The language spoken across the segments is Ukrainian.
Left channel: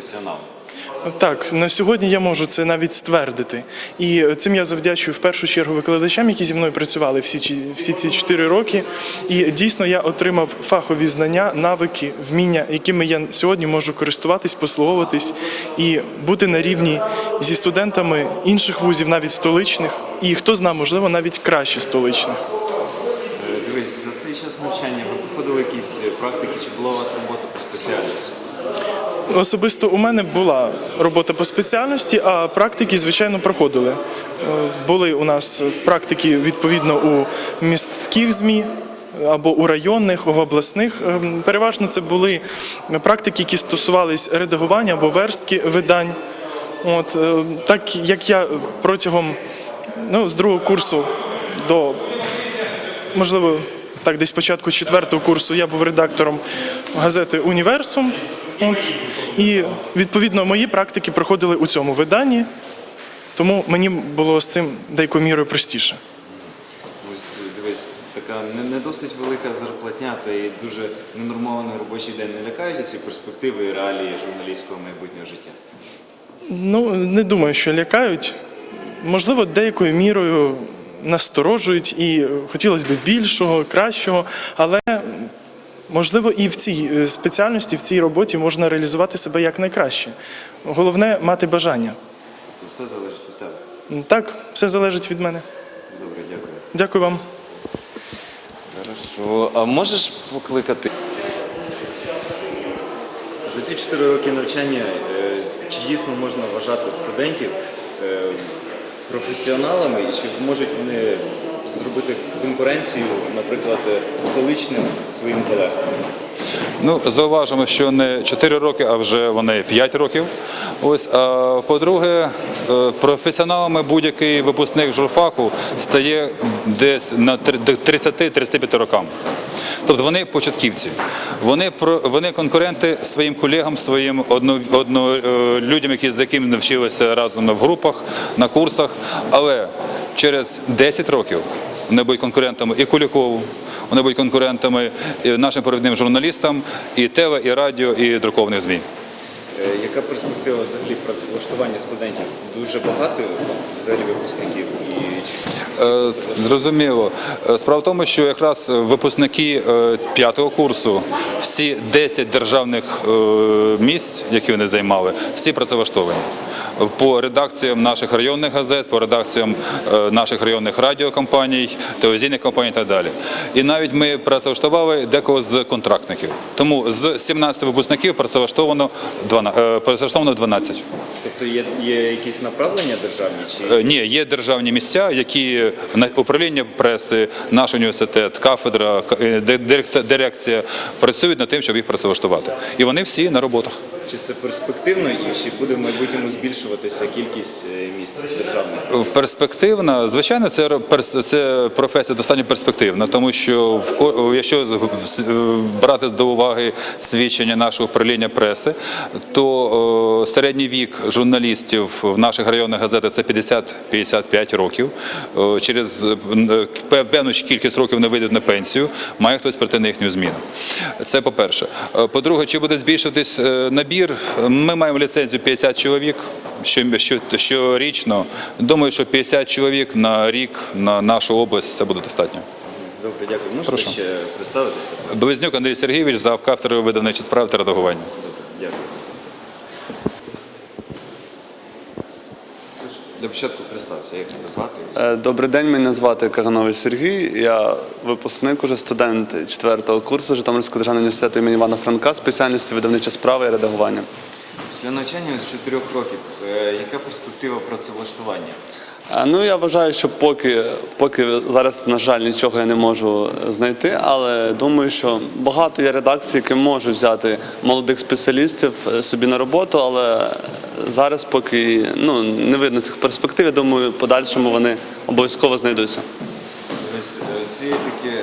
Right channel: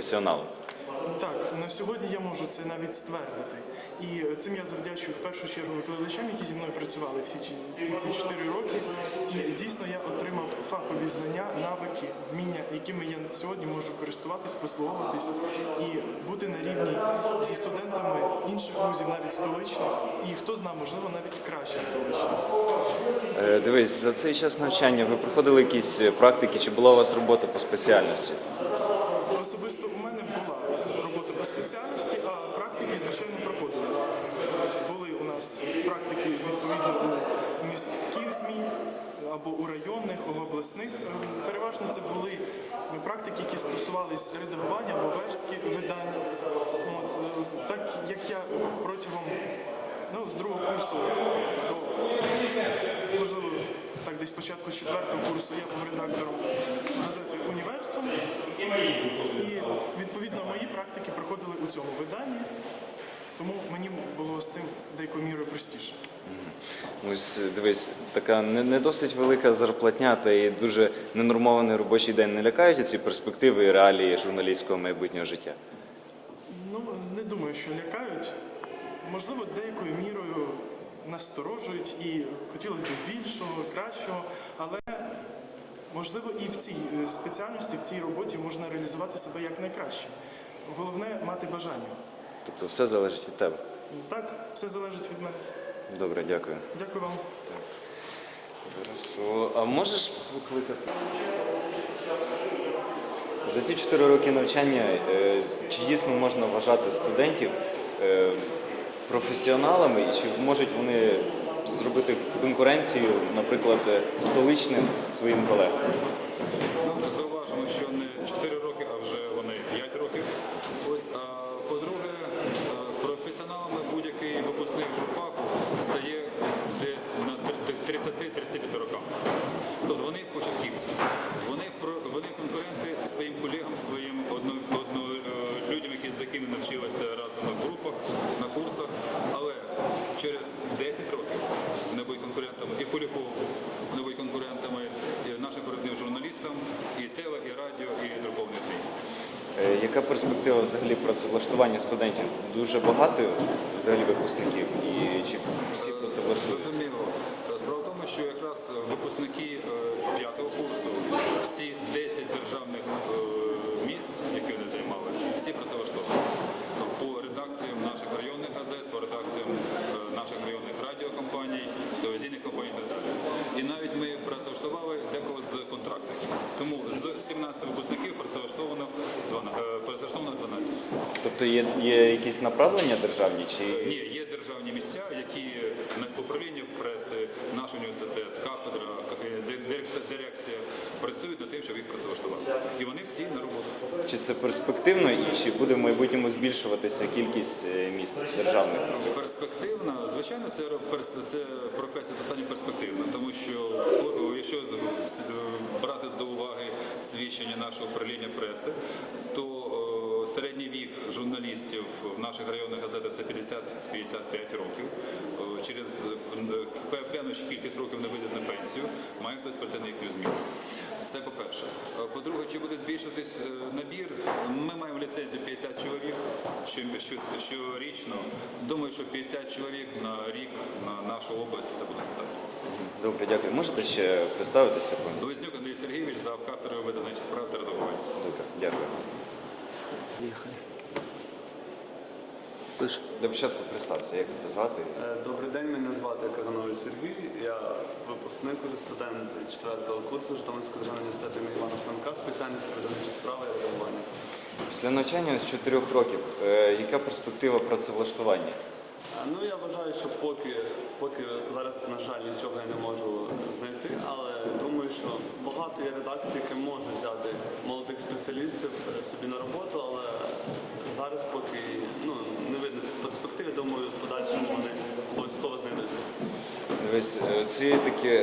професіоналом. Так, на сьогодні я можу це навіть ствердити. І цим я завдячую в першу чергу викладачам, які зі мною працювали всі, ці- всі ці чотири роки. І дійсно я отримав фахові знання, навики, вміння, якими я сьогодні можу користуватись, послуговуватись і бути на рівні зі студентами інших вузів, навіть столичних, і хто знає, можливо, навіть краще столичних. Е, Дивись, за цей час навчання ви проходили якісь практики, чи була у вас робота по спеціальності? Особисто у мене була робота по спеціальності, а практики, звичайно, проходили. Е, Були у нас практики відповідно у міських ЗМІ або у районних, у обласних. Е, Переважно це були практики, які стосувались редагування або верстки видань. От е, так як я протягом ну, з другого курсу до можливо, так, десь початку четвертого курсу я був редактором газети Універсум. І відповідно мої практики проходили у цьому виданні, тому мені було з цим деякою мірою простіше. Ось дивись, така не, не досить велика зарплатня та і дуже ненормований робочий день не лякають ці перспективи і реалії журналістського майбутнього життя. Ну, не думаю, що лякають. Можливо, деякою мірою насторожують і хотілося б більшого, кращого, але можливо і в цій е, спеціальності, в цій роботі можна реалізувати себе якнайкраще. Головне мати бажання. Тобто все залежить від тебе. Так, все залежить від мене. Добре, дякую. Дякую вам. Хорошо. А можеш покликати? За ці чотири роки навчання е, чи дійсно можна вважати студентів е, професіоналами, і чи можуть вони зробити конкуренцію, наприклад, столичним своїм колегам? Ну, зауважимо, що не 4 роки, а вже вони 5 років. Ось, а по-друге, е, професіоналами будь-який випускник журфаку стає десь на до 30-35 рокам. Тобто вони початківці. Вони, вони конкуренти своїм колегам, своїм одно, одно, е, людям, які, з якими навчилися разом в групах, на курсах. Але через 10 років вони будуть конкурентами і Кулікову, вони будуть конкурентами і нашим провідним журналістам, і ТВ, і радіо, і друкованих ЗМІ. Е, Яка перспектива взагалі працевлаштування студентів? Дуже багато взагалі випускників і Е? Зрозуміло. Е, Справа в тому, що якраз випускники е, п'ятого курсу, всі 10 державних місць, які вони займали, всі працевлаштовані. По редакціям наших районних газет, по редакціям наших районних радіокомпаній, телевізійних компаній і так далі. І навіть ми працевлаштували декого з контрактників. Тому з 17 випускників працевлаштовано 12, е, працевлаштовано 12. Тобто є, є якісь направлення державні чи Ні, є державні місця, які управління преси, наш університет, кафедра, е, дирекція працюють над тим, щоб їх працевлаштувати. І вони всі на роботах. Чи це перспективно і чи буде в майбутньому збільшуватися кількість е, місць державних? Перспективна, звичайно, це, це професія достатньо перспективна, тому що якщо брати до уваги свідчення нашого управління преси, то е, середній вік журналістів в наших районних газетах це 50-55 років. Е, Через е, певну кількість років вони вийдуть на пенсію, має хтось прийти на їхню зміну. Це по-перше. Е, По-друге, чи буде збільшуватись е, набір? Ми маємо ліцензію 50 чоловік що- що- щорічно. Думаю, що 50 чоловік на рік на нашу область це буде достатньо. Добре, дякую. Можете ще представитися? Близнюк Андрій Сергійович, завкавтор видавничі справи та редагування. Добре, дякую. Для початку представся, як тебе звати? Е, Добрий день, мене звати Каганович Сергій. Я випускник, уже студент четвертого курсу Житомирського державного університету імені Івана Франка, спеціальності видавнича справа і редагування. Після навчання з 4 років, е, яка перспектива працевлаштування? Е, Ну я вважаю, що поки, поки зараз, на жаль, нічого я не можу знайти, але думаю, що багато є редакцій, які можуть взяти молодих спеціалістів е, собі на роботу, але зараз поки ну, не видно цих перспектив. Я думаю, подальшому вони обов'язково знайдуться. Ось е, ці такі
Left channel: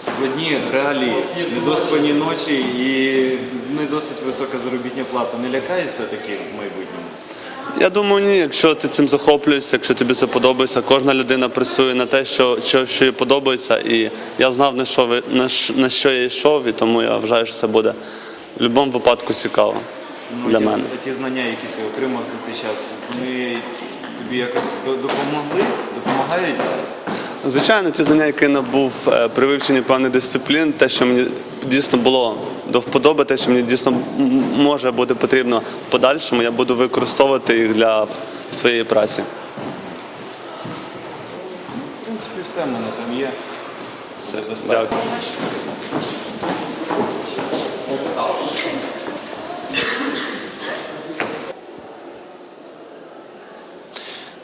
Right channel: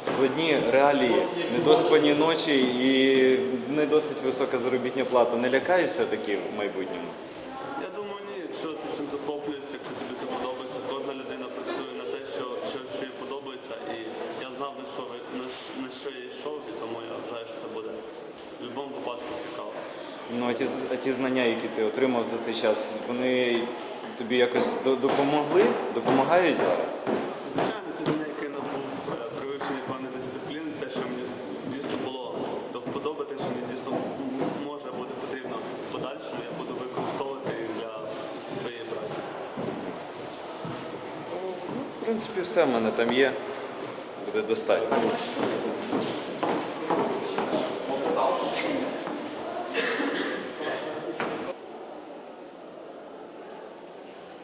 складні реалії, недоспані ночі і не досить висока заробітня плата. Не лякає все-таки в майбутньому? Я думаю, ні, якщо ти цим захоплюєшся, якщо тобі це подобається, кожна людина працює на те, що, що, що їй подобається. І я знав, на що, ви- на, на що я йшов, і тому я вважаю, що це буде в будь-якому випадку цікаво. Ну, для ті, мене. ті знання, які ти отримав за цей час, вони тобі якось до- допомогли? Допомагають зараз? Звичайно, ті знання, які набув е, при вивченні певних дисциплін, те, що мені дійсно було до вподоби, те, що мені дійсно може бути потрібно в подальшому, я буду використовувати їх для своєї праці. В принципі, все в мене там є. Все достатньо.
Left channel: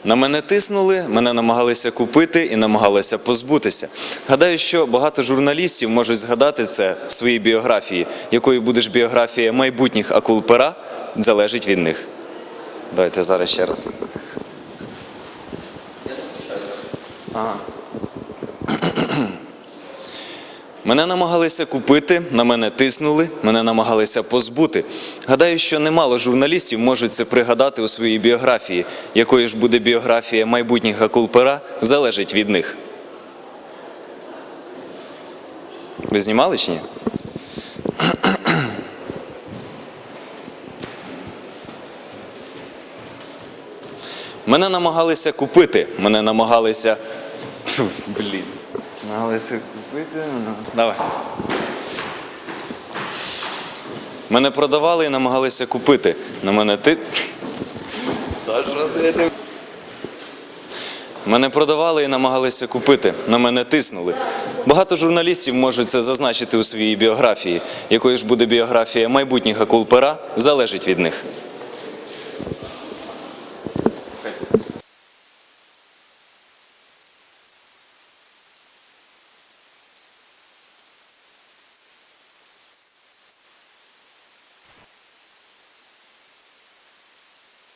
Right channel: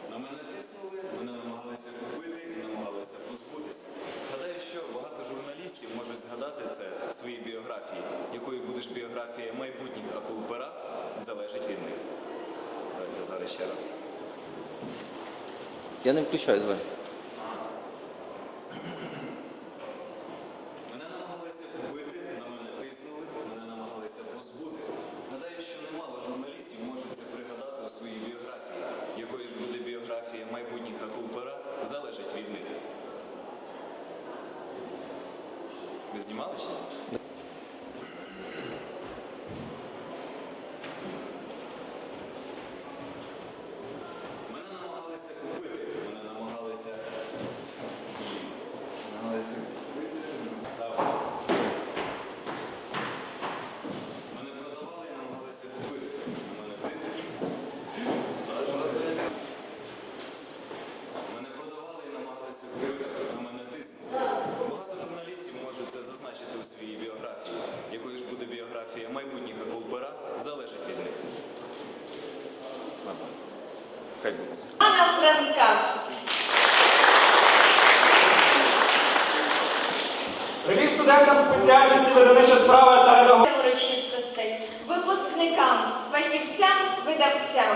На мене тиснули, мене намагалися купити і намагалися позбутися. Гадаю, що багато журналістів можуть згадати це в своїй біографії. Якою буде ж біографія майбутніх акул пера, залежить від них. Давайте зараз ще раз. Я не включаю зараз. Ага. Мене намагалися купити, на мене тиснули, мене намагалися позбути. Гадаю, що немало журналістів можуть це пригадати у своїй біографії. Якою ж буде біографія майбутніх акул пера, залежить від них. Ви знімали чи ні? Мене намагалися купити, мене намагалися. Блін. Намагалися купити. ну, Давай. Мене продавали і намагалися купити. На мене ти. Саша, Мене продавали і намагалися купити. На мене тиснули. Багато журналістів можуть це зазначити у своїй біографії. Якою ж буде біографія майбутніх акул пера, залежить від них. Анна Франка. Привіт студентам спеціальності видавнича справа та редагування. урочистостей, випускникам, фахівцям, видавцям.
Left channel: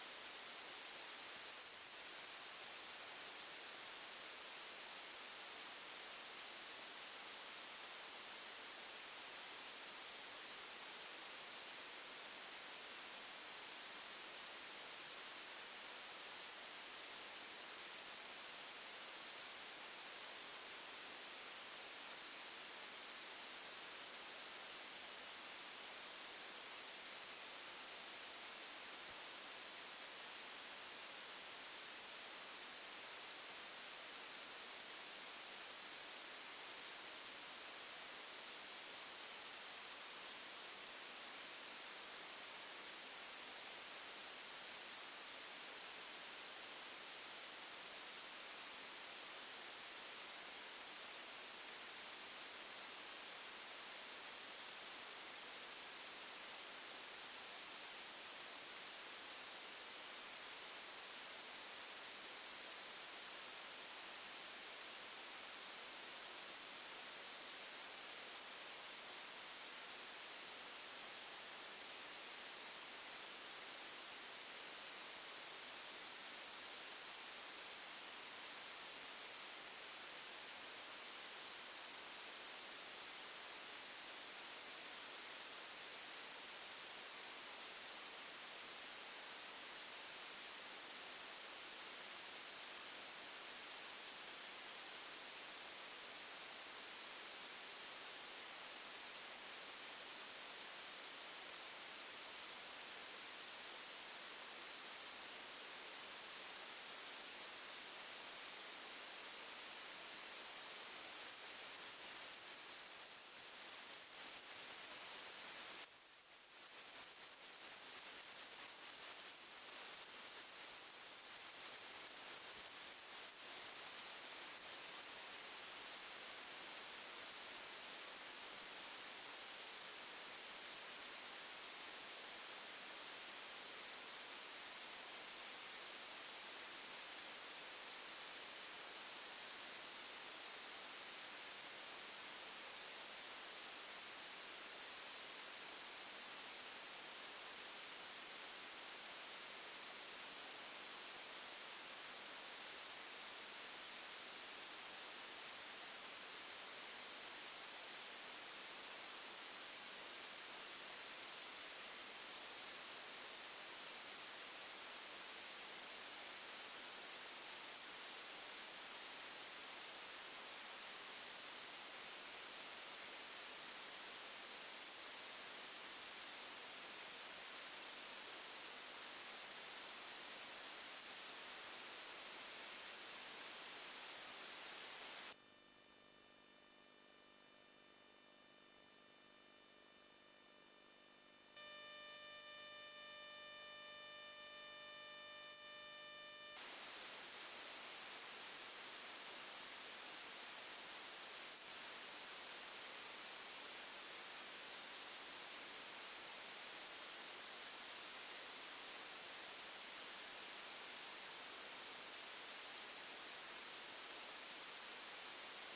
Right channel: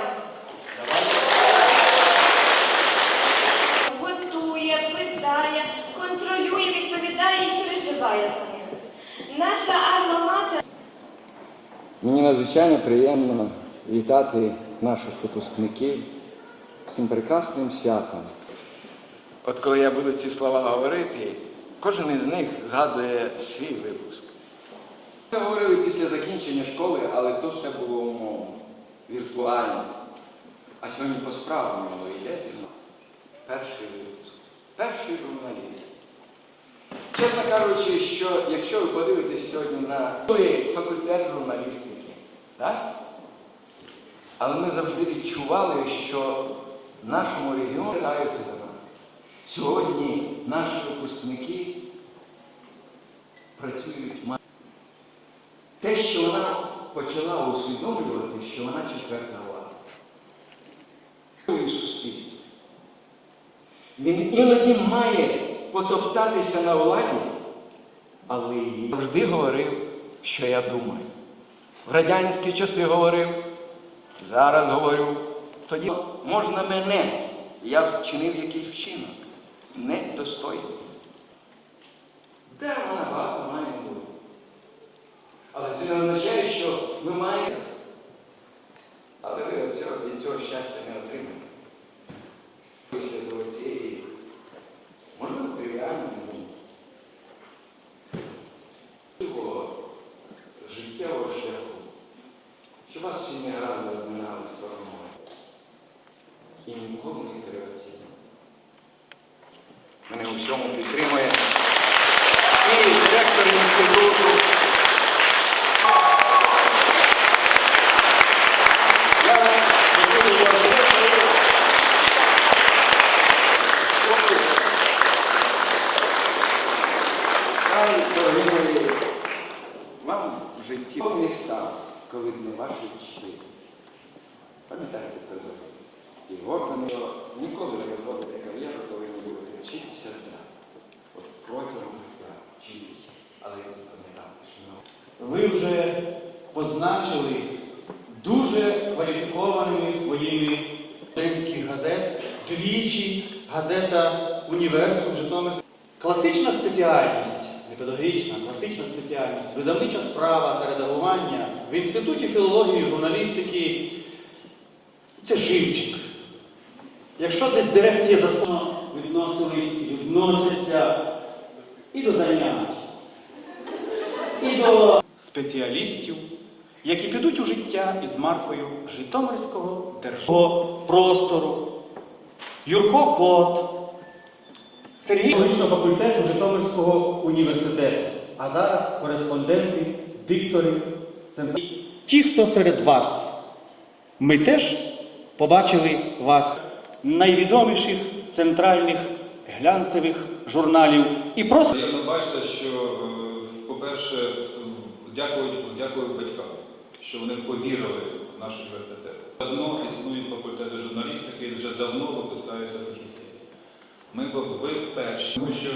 Готує, питає, контролює, відповідає і переживає за них. Наша альма-матер Мені надзвичайно приємно вітати наших випускників з цим прекрасним святом. От коли я буду ці слова говорити, кожен із них згадує свій випуск. Ми говорили після закінчення школи, але то все було умовно, віртуально. А сьогодні по справам йде. Перший випуск, перший журналіст. Чесно кажучи, що якщо ви подивитесь сьогодні на той факультет журналістики, так? але ми завжди відчували, що в нашому регіоні граються за нас. Сьогодні наші випускники працюють те, що вона почала усвідомлювати, що вона четверта влада. Він іноді має потоптатися на владі, але Завжди говорив, що я думаю. В радянські часи говорив, зараз говорю. Тоді можна мене, я вчинив якийсь вчинок, недостойний. Де вона багато має бути. Але це не означає, що ми маємо. Але ви від цього, від цього щастя не отримаєте. Після до цієї, можливо, тривіальної ні. Цього життєвого шляху. Чи вас всі не гарно обминали стороною? І ніколи не переоцінювали. Мене у всьому підтримує. І директор інституту. Я хотів вас Хлопці, Хай, дорогі мої, вам в житті повний став, коли не ваші щирі. Пам'ятайте це добре. І гордо, що ніколи не виходите кар'єру, коли ви будете вчитися так. От протягом життя вчитися. Але пам'ятайте, що ви вже позначили дуже кваліфікованими своїми студентських газет, двічі газета Універсум Житомир. Класична спеціальність, не педагогічна, класична спеціальність, видавнича справа та редагування в Інституті філології і журналістики це живчик. Якщо десь дирекція заскочено відносились і відносяться і до занять, і до спеціалістів, які підуть у життя із маркою Житомирського державного простору. Юрко Кот, Сергій факультету Житомирського університету, а зараз кореспонденти, диктори, центри. Ті, хто серед вас, ми теж побачили вас найвідоміших центральних глянцевих журналів і просто. Як ви бачите, що, е, по-перше, дякую, дякую батькам, що вони повірили в наш університет. Давно існують факультети журналістики і вже давно випускаються фахівці. Ми ви перші, тому що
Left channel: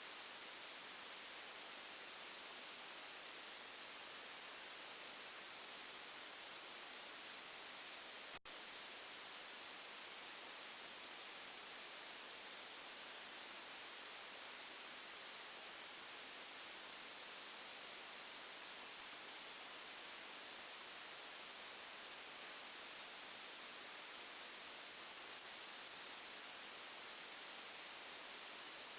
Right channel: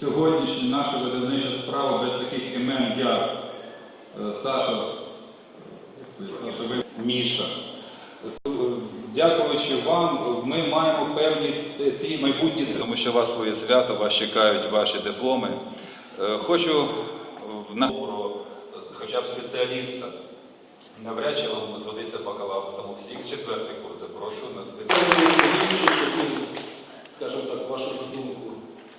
сьогоднішня наша видавнича справа без таких імен, як е, Саша, Саша Міша. Е, Дякуючи вам, ми маємо певні ті майбутні, тому що у вас своє свято, вас чекають ваші дипломи. Е, Хочу в на- хоча б спеціаліста. Навряд чи вам зводиться бакалавр, тому всіх з четвертих курс прошу на Сергію, щоб він, скажімо так, вашу задумку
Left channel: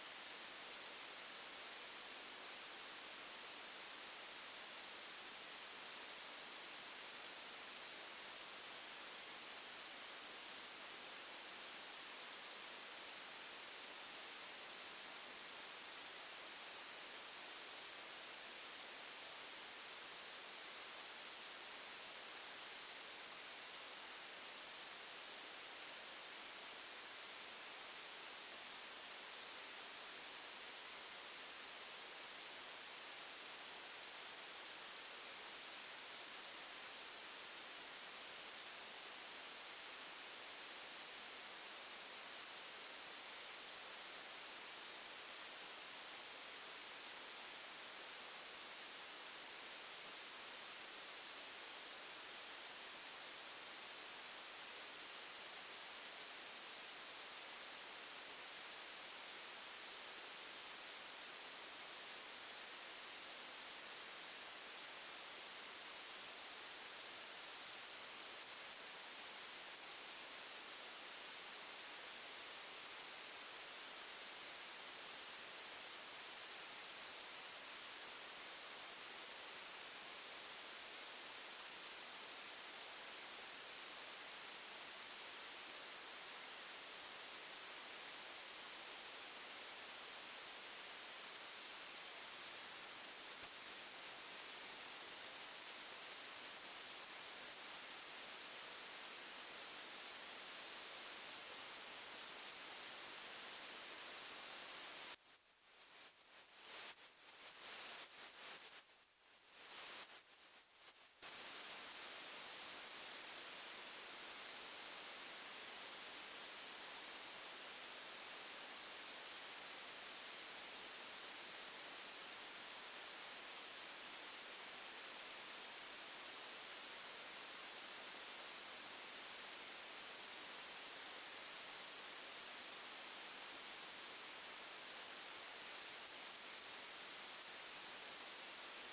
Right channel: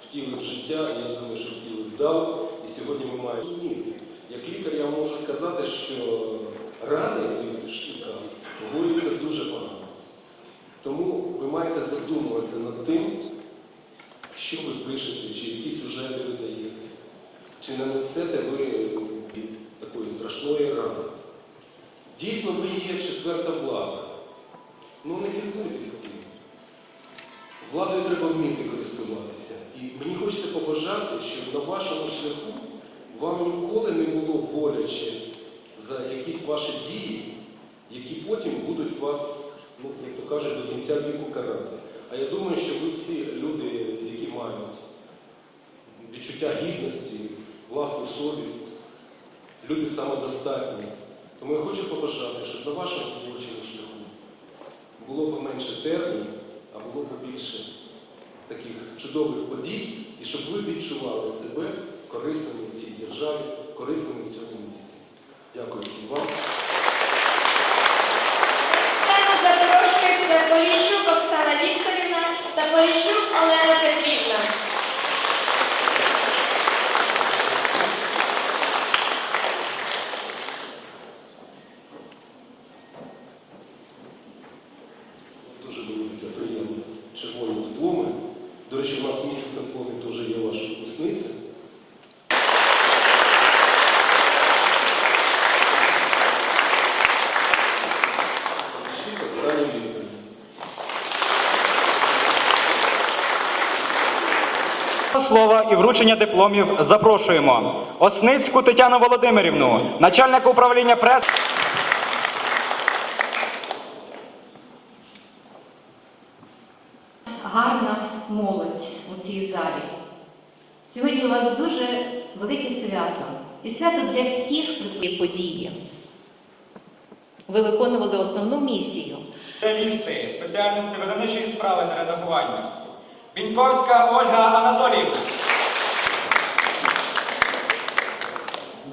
втілив життя, я думаю, що втілив вдало. І сьогодні ми маємо розуміти. Як лікар я можу сказати, що рани від штика гоються дуже погано. Тому ви маєте задумуватися над тим, що ви пишете, чи які сюжети ви даєте, чи не несете ви страшної рани. Дійсно, ви є четверта влада. Ну не хизнуйтесь цим. Владою треба вміти користуватися. І мені хочеться побажати, щоб на вашому шляху вам ніколи не було боляче за якісь ваші дії, які потім будуть вас, ну, як то кажуть, до кінця віку карати. А я думаю, що ви всі люди, які мають відчуття гідності, власну совість, люди самодостатні. Тому я хочу побажати, щоб на вашому творчому шляху було поменше термін, а було побільше таких чудових подій, і щоб ви відчували себе корисними в цій державі, корисними в цьому місці. Дякую всім вам. Сцену запрошується Поліщук Оксана Вікторівна та Поліщук Олена Петрівна. Дуже велике, приємне червоні дипломи. До речі, у нас в місті дипломі теж є ваша випускниця. Щук Оксані Вікторівні. Слова і вручення дипломів запрошуємо Осницьку Тетяну Володимирівну, начальника управління прес. гарна молодь у цій залі. Сьогодні у вас дуже велике свято. І свято для всіх присутніх події. Ви виконували основну місію. Спеціалісти спеціальності видавничої справи та редагування. Біньковська Ольга Анатоліївна.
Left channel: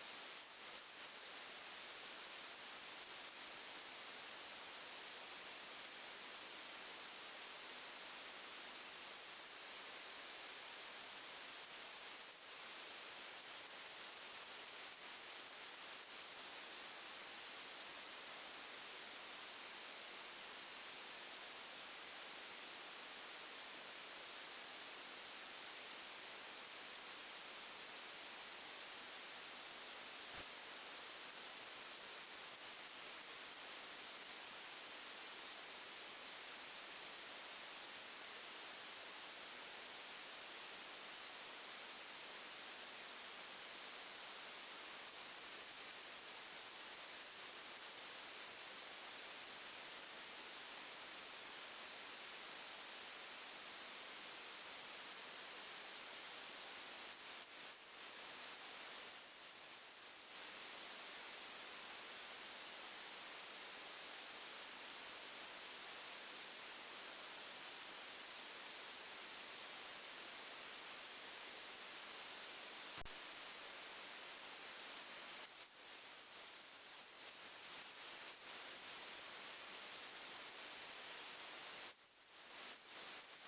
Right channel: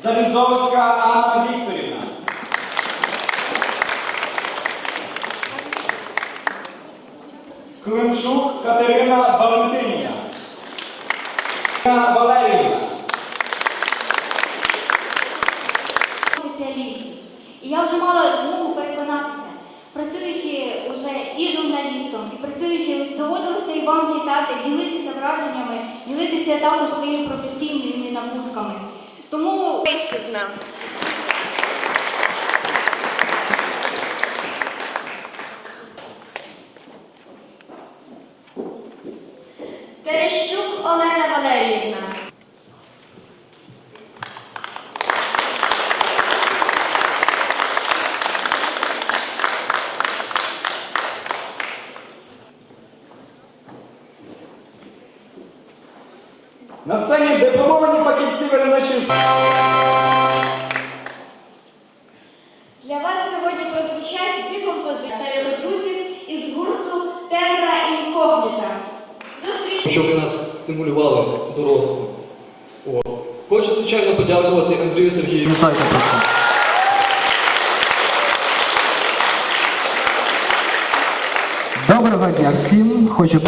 Залізовська Анна Вікторівна. Климчук Катерина Валентинівна. Валеріївна. спеціалістів. І я вже мала змогу переконатися, працюючи вже і журналістом, і працюючи, доводилося і вам читати, ділитися враженнями, ділитися також своїми професійними набутками. Тому Висідна. Терещук Олена Щоб нас стимулювало до росту. Хочу, звичайно, подякувати Андрію Сергію. Доброго дня всім. Хочу